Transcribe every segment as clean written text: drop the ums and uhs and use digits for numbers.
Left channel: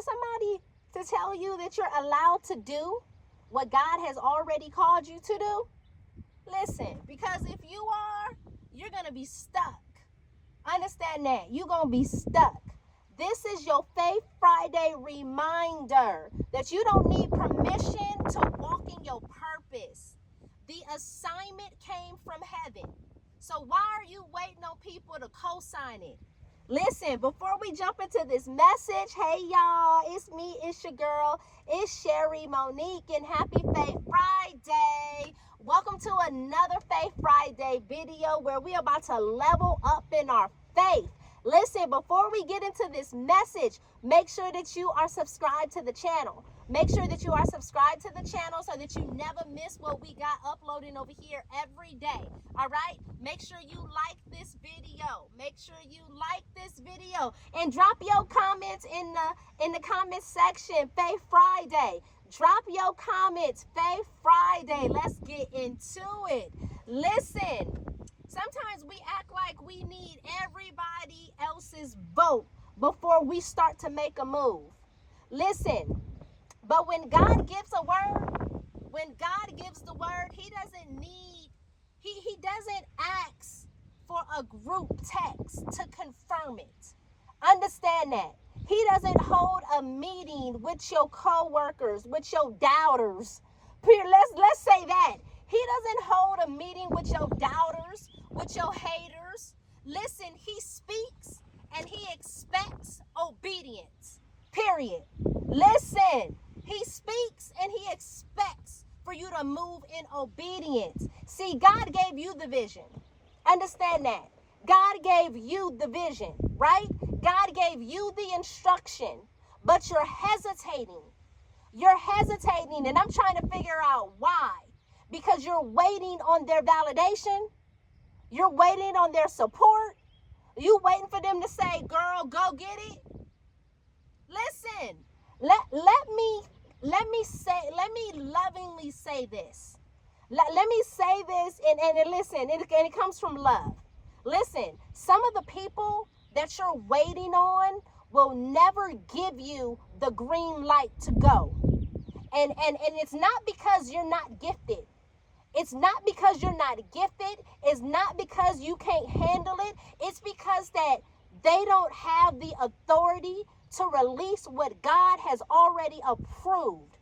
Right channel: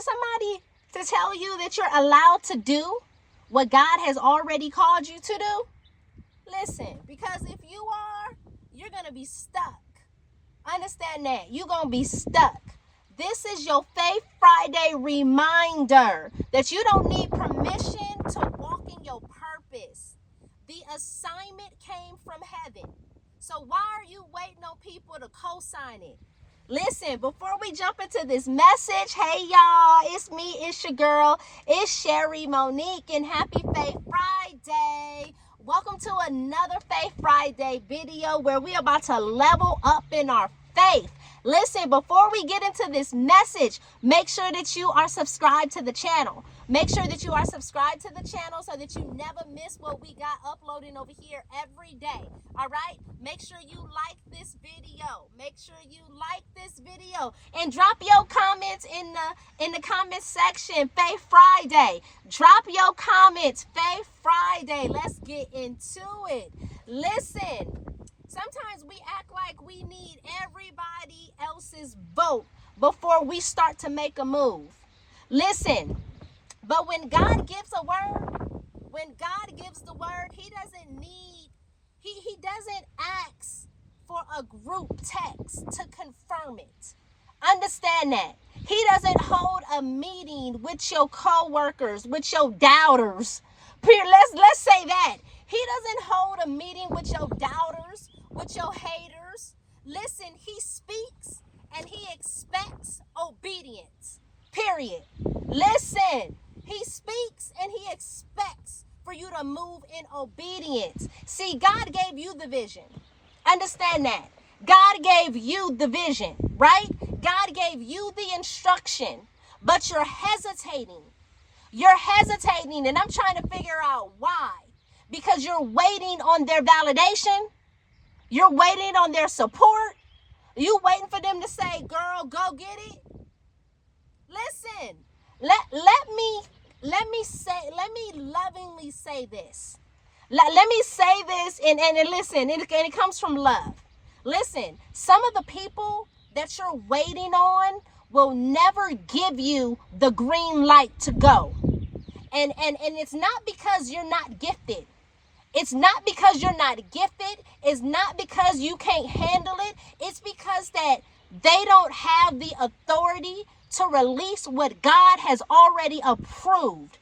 for somebody to tell you that you're allowed to do what God has already called you to do? Listen, because if you are, you're going to be stuck. Understand that. You're going to be stuck. This is your Faith Friday reminder that you don't need permission to walk in your purpose. The assignment came from heaven. So why are you waiting on people to co-sign it? Listen, before we jump into this message, hey y'all, it's me, it's your girl, it's Sherry Monique, and happy Faith Friday. Welcome to another Faith Friday video where we're about to level up in our faith. Listen, before we get into this message, make sure that you are subscribed to the channel. Make sure that you are subscribed to the channel so that you never miss what we got uploading over here every day. All right? Make sure you like this video. Make sure you like this video and drop your comments in the comment section. Faith Friday. Drop your comments. Faith Friday. Let's get into it. Listen. Sometimes we act like we need everybody else's vote before we start to make a move. Listen, but when God gives a word, when God gives the word, he doesn't ask for a group text to confirm it. Understand that. He doesn't hold a meeting with your co-workers, with your doubters. Let's say that. He doesn't hold a meeting with your doubters, with your haters. Listen, he speaks and he expects obedience. Period. Listen, he speaks and he expects for you to move in obedience. See, God gave you the vision. Understand that. God gave you the vision, right? God gave you the instruction, but you're hesitating. You're hesitating, and I'm trying to figure out why. Because you're waiting on their validation. You're waiting on their support. You waiting for them to say, girl, go get it. Listen, let me lovingly say this. Let me say this and listen, and it comes from love. Listen, some of the people that you're waiting on will never give you the green light to go. And it's not because you're not gifted. It's not because you're not gifted. It's not because you can't handle it. It's because that they don't have the authority to release what God has already approved.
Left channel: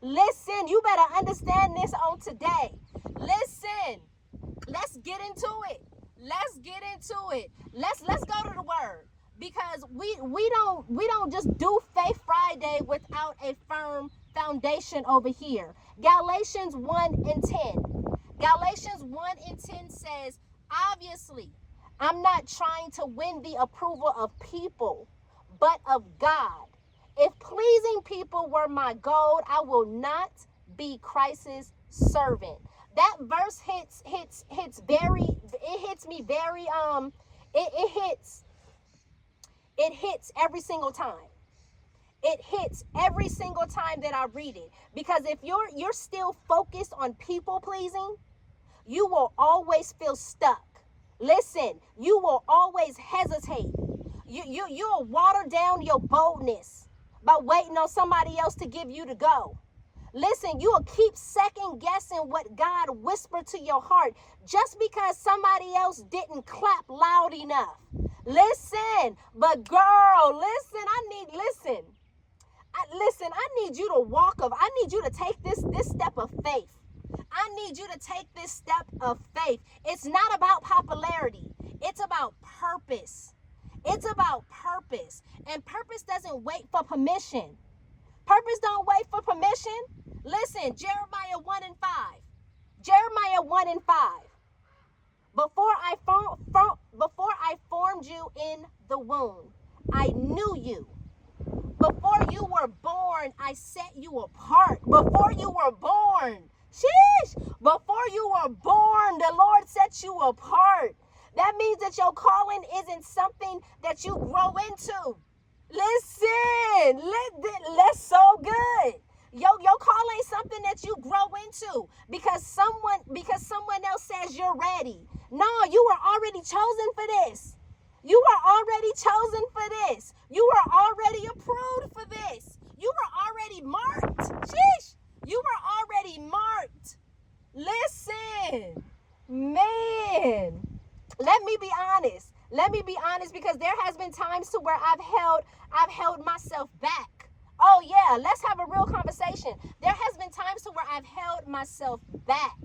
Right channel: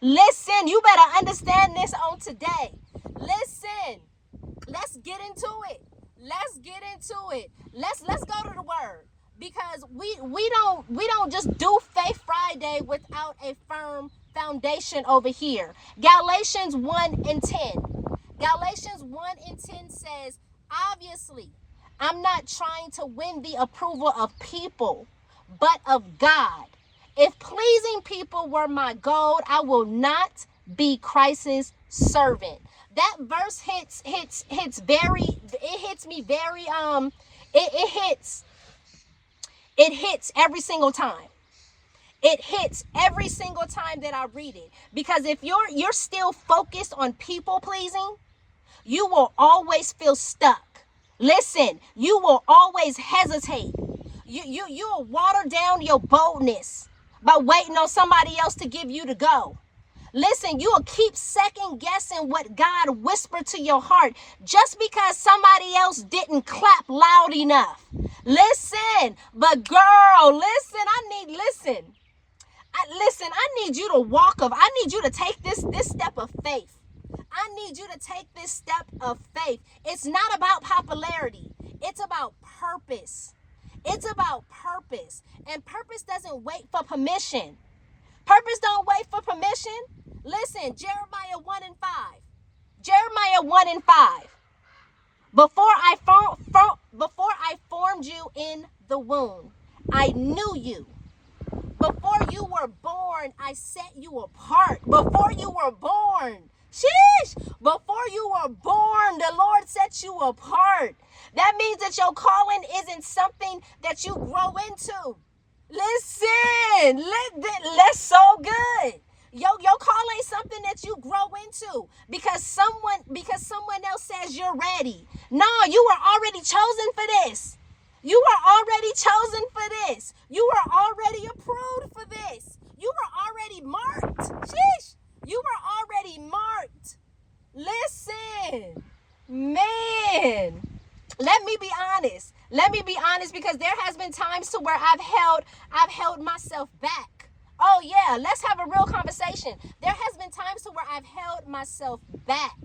Listen, you better understand this on today. Listen, let's get into it. Let's get into it. Let's go to the word, because we don't just do Faith Friday without a firm foundation over here. Galatians 1:10. Galatians 1:10 says, obviously, I'm not trying to win the approval of people, but of God. If pleasing people were my goal, I will not be Christ's servant. That verse hits every single time. It hits every single time that I read it. Because if you're still focused on people pleasing, you will always feel stuck. Listen, you will always hesitate. You will water down your boldness by waiting on somebody else to give you the go. Listen, you will keep second guessing what God whispered to your heart just because somebody else didn't clap loud enough. Listen, but girl, listen, I need you to I need you to take this step of faith. I need you to take this step of faith. It's not about popularity. It's about purpose. It's about purpose. And purpose doesn't wait for permission. Purpose don't wait for permission. Listen, Jeremiah 1:5. Jeremiah 1:5. Before I formed you in the womb, I knew you. Before you were born, I set you apart. Before you were born, before you were born, the Lord set you apart. That means that your calling isn't something that you grow into. Listen, that's so good. Your call ain't something that you grow into because someone else says you're ready. No, you were already chosen for this. You are already chosen for this. You are already approved for this. I've held myself back. Oh yeah, let's have a real conversation. There has been times to where I've held myself back,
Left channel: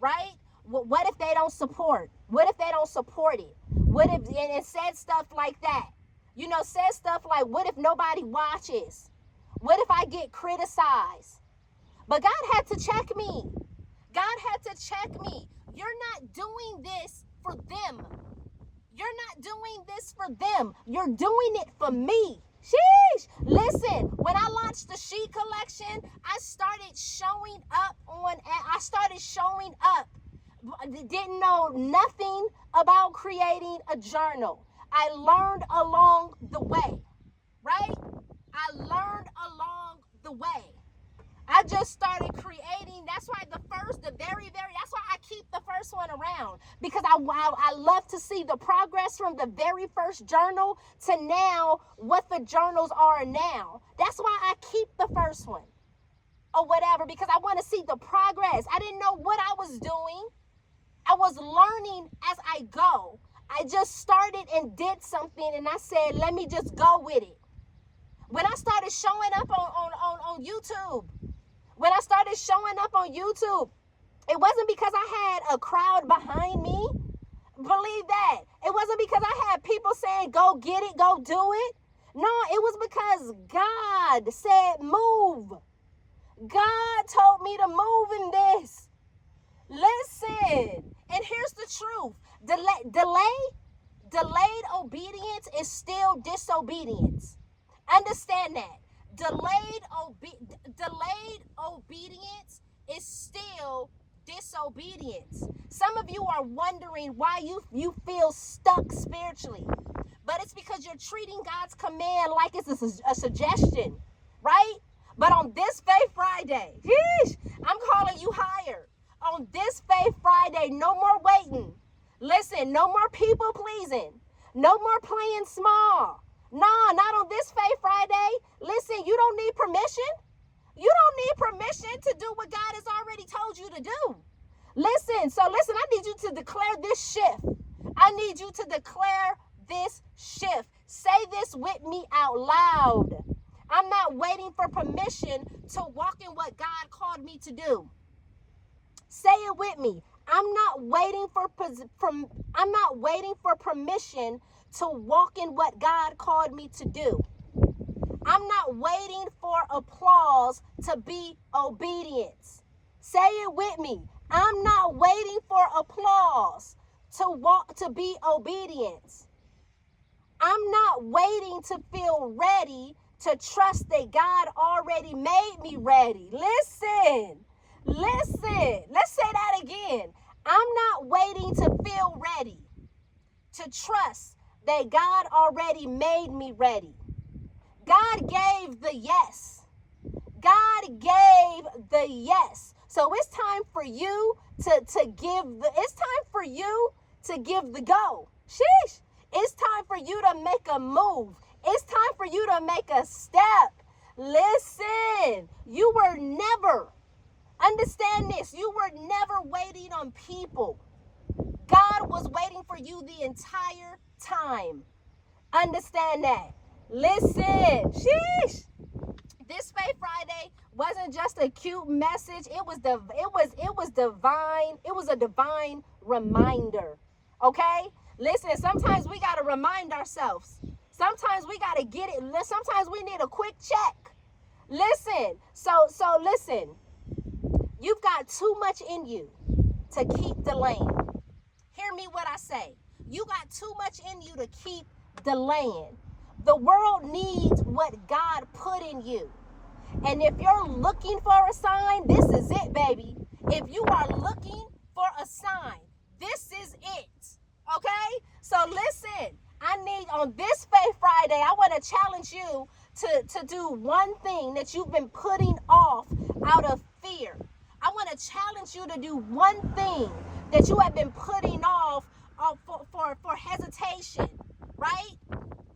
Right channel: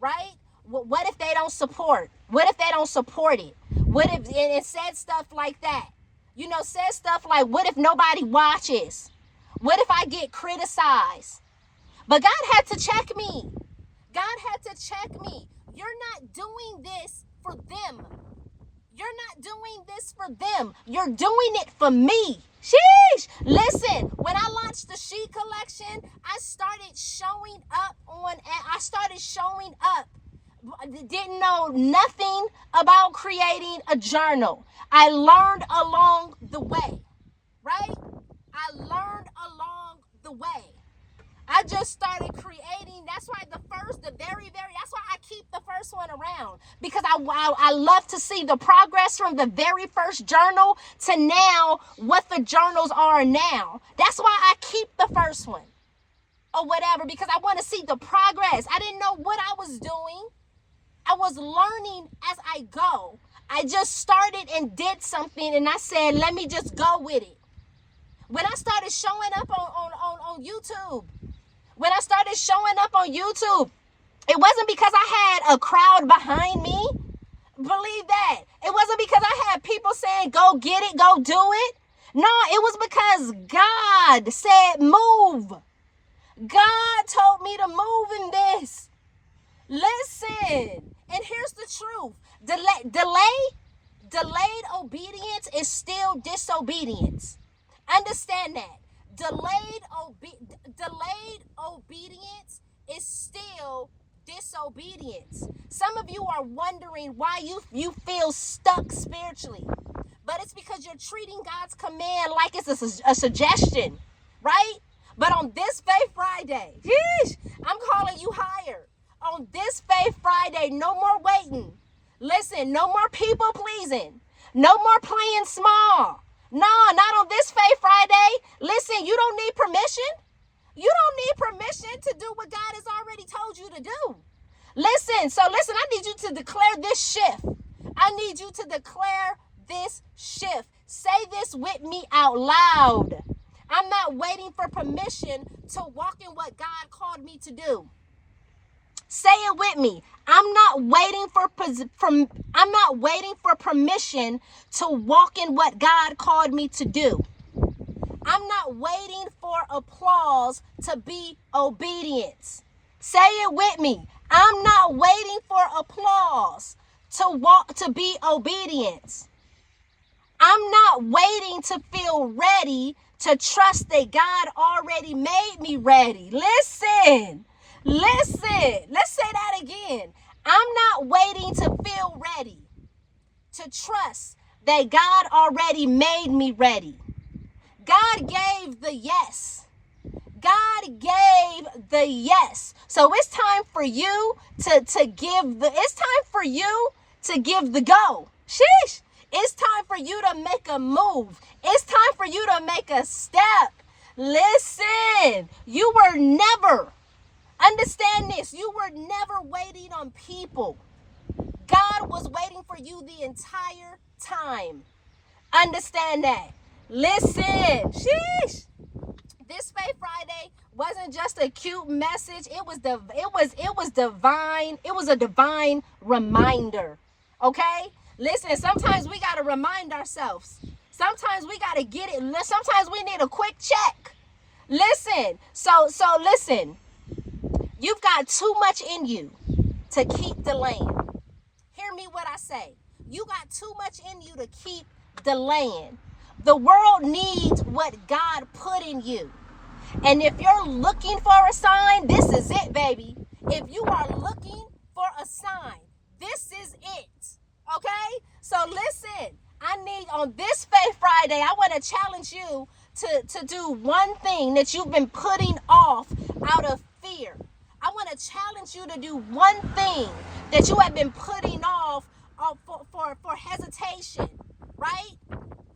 right? What if they don't support? What if they don't support it? What if, and it said stuff like that? Said stuff like, what if nobody watches? What if I get criticized? But God had to check me. God had to check me. You're not doing this for them. You're not doing this for them. You're doing it for me. Sheesh. Listen, when I launched the She Collection, I started showing up. Didn't know nothing about creating a journal. I learned along the way, right? I learned along the way. I just started creating. That's why that's why I keep the first one around, because I love to see the progress from the very first journal to now, what the journals are now. That's why I keep the first one or whatever, because I want to see the progress. I didn't know what I was doing. I was learning as I go. I just started and did something, and I said, let me just go with it. When I started showing up on YouTube, it wasn't because I had a crowd behind me. Believe that. It wasn't because I had people saying, go get it, go do it. No, it was because God said, move. God told me to move in this. Listen, and here's the truth. Delayed obedience is still disobedience. Understand that. Delayed obedience is still disobedience. Some of you are wondering why you feel stuck spiritually. But it's because you're treating God's command like it's a suggestion, right? But on this Faith Friday, I'm calling you higher. On this Faith Friday, no more waiting. Listen, no more people pleasing. No more playing small. No, not on this Faith Friday. Listen, you don't need permission. You don't need permission to do what God has already told you to do. Listen, I need you to declare this shift. I need you to declare this shift. Say this with me out loud. I'm not waiting for permission to walk in what God called me to do. Say it with me. I'm not waiting for permission to walk in what God called me to do. I'm not waiting for applause to be obedience. Say it with me. I'm not waiting for applause to be obedience. I'm not waiting to feel ready to trust that God already made me ready. Listen. Let's say that again. I'm not waiting to feel ready to trust that God already made me ready. God gave the yes. God gave the yes. So it's time for you to give the go. Sheesh. It's time for you to make a move. It's time for you to make a step. Listen, you were never, understand this, you were never waiting on people. God was waiting for you the entire time. Understand that. Listen, sheesh. This Faith Friday wasn't just a cute message. It was divine. It was a divine reminder. Okay? Listen, sometimes we got to remind ourselves. Sometimes we got to get it. Sometimes we need a quick check. Listen. So listen. You've got too much in you to keep delaying. Hear me what I say. You got too much in you to keep delaying. The world needs what God put in you. And if you're looking for a sign, this is it, baby. If you are looking for a sign, this is it. Okay? So listen, I need on this Faith Friday, I want to challenge you to do one thing that you've been putting off out of fear. I want to challenge you to do one thing that you have been putting off for hesitation, right?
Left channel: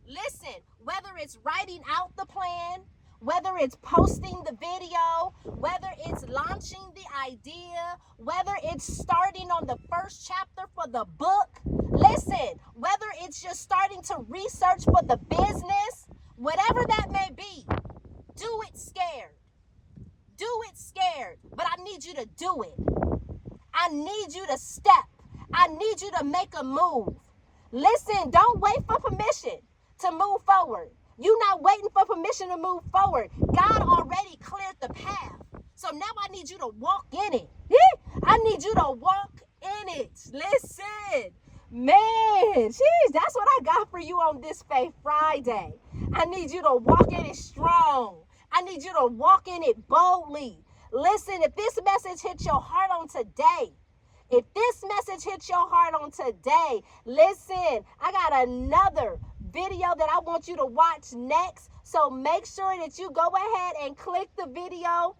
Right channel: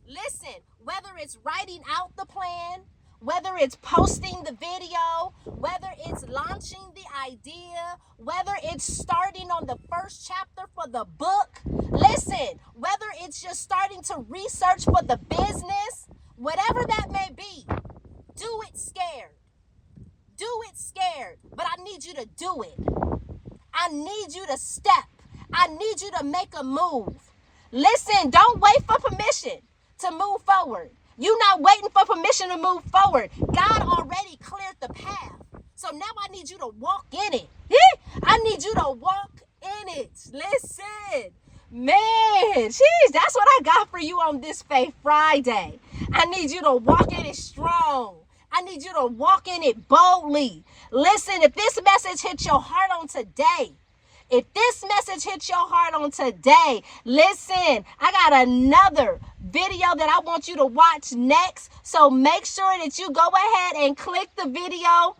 Listen, whether it's writing out the plan, whether it's posting the video, whether it's launching the idea, whether it's starting on the first chapter for the book, listen, whether it's just starting to research for the business, whatever that may be, do it scared. Do it scared, but I need you to do it. I need you to step. I need you to make a move. Listen, don't wait for permission to move forward. You're not waiting for permission to move forward. God already cleared the path. So now I need you to walk in it. I need you to walk in it. Listen, man, geez, that's what I got for you on this Faith Friday. I need you to walk in it strong. I need you to walk in it boldly. Listen, if this message hits your heart on today, if this message hits your heart on today, listen, I got another video that I want you to watch next. So make sure that you go ahead and click the video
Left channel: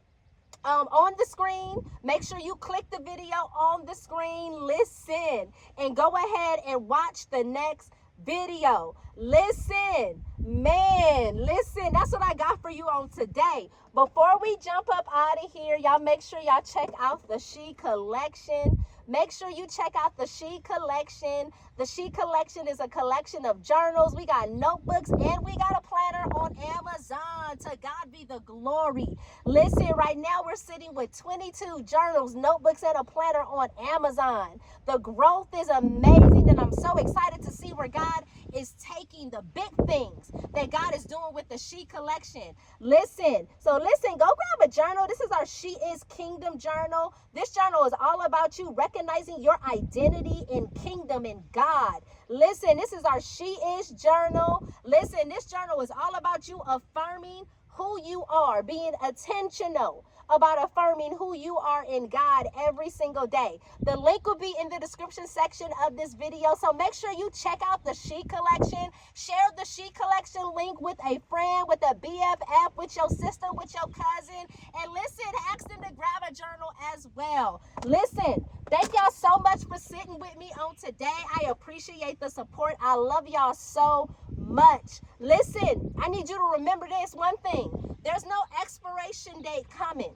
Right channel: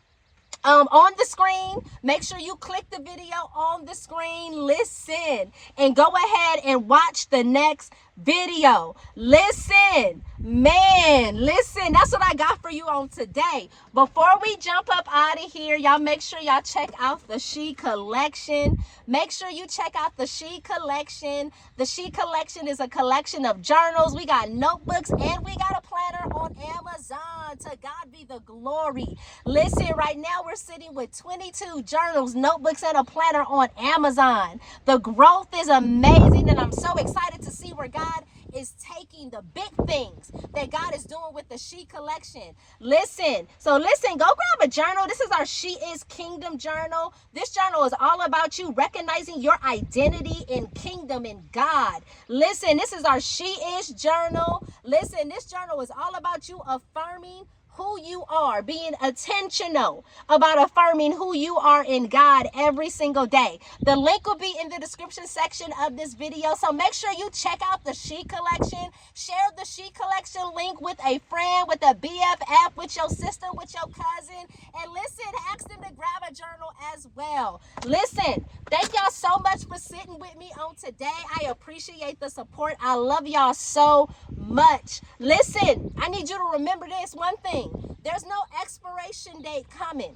on the screen. Make sure you click the video on the screen. Listen, and go ahead and watch the next video. Listen, man, listen, that's what I got for you on today. Before we jump up out of here, y'all make sure y'all check out the She Collection. Make sure you check out the She Collection. The She Collection is a collection of journals. We got notebooks and we got a planner on Amazon. To God be the glory. Listen, right now we're sitting with 22 journals, notebooks, and a planner on Amazon. The growth is amazing, and I'm so excited to see where God is taking the big things that God is doing with the She Collection. Listen, go grab a journal. This is our She Is Kingdom journal. This journal is all about you recognizing your identity in kingdom and God. Listen, this is our She Is journal. Listen, this journal is all about you affirming who you are, being intentional about affirming who you are in God every single day. The link will be in the description section of this video, so make sure you check out the She Collection. Share the She Collection link with a friend, with a BFF, with your sister, with your cousin, and listen, ask them to grab a journal as well. Listen, thank y'all so much for sitting with me on today. I appreciate the support. I love y'all so much. Listen, I need you to remember this one thing. There's no expiration date coming.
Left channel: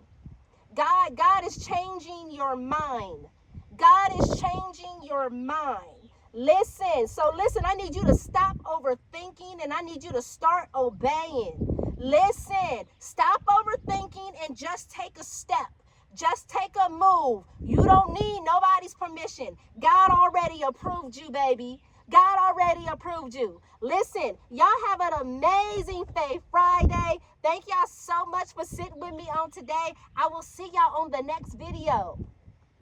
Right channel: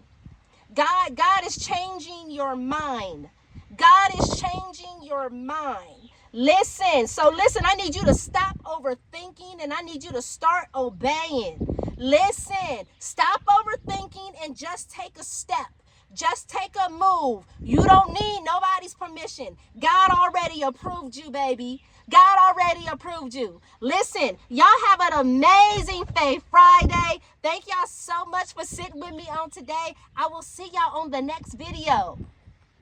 God is changing your mind. God is changing your mind. Listen, I need you to stop overthinking and I need you to start obeying. Listen, stop overthinking and just take a step. Just take a move. You don't need nobody's permission. God already approved you, baby. God already approved you. Listen, y'all have an amazing Faith Friday. Thank y'all so much for sitting with me on today. I will see y'all on the next video.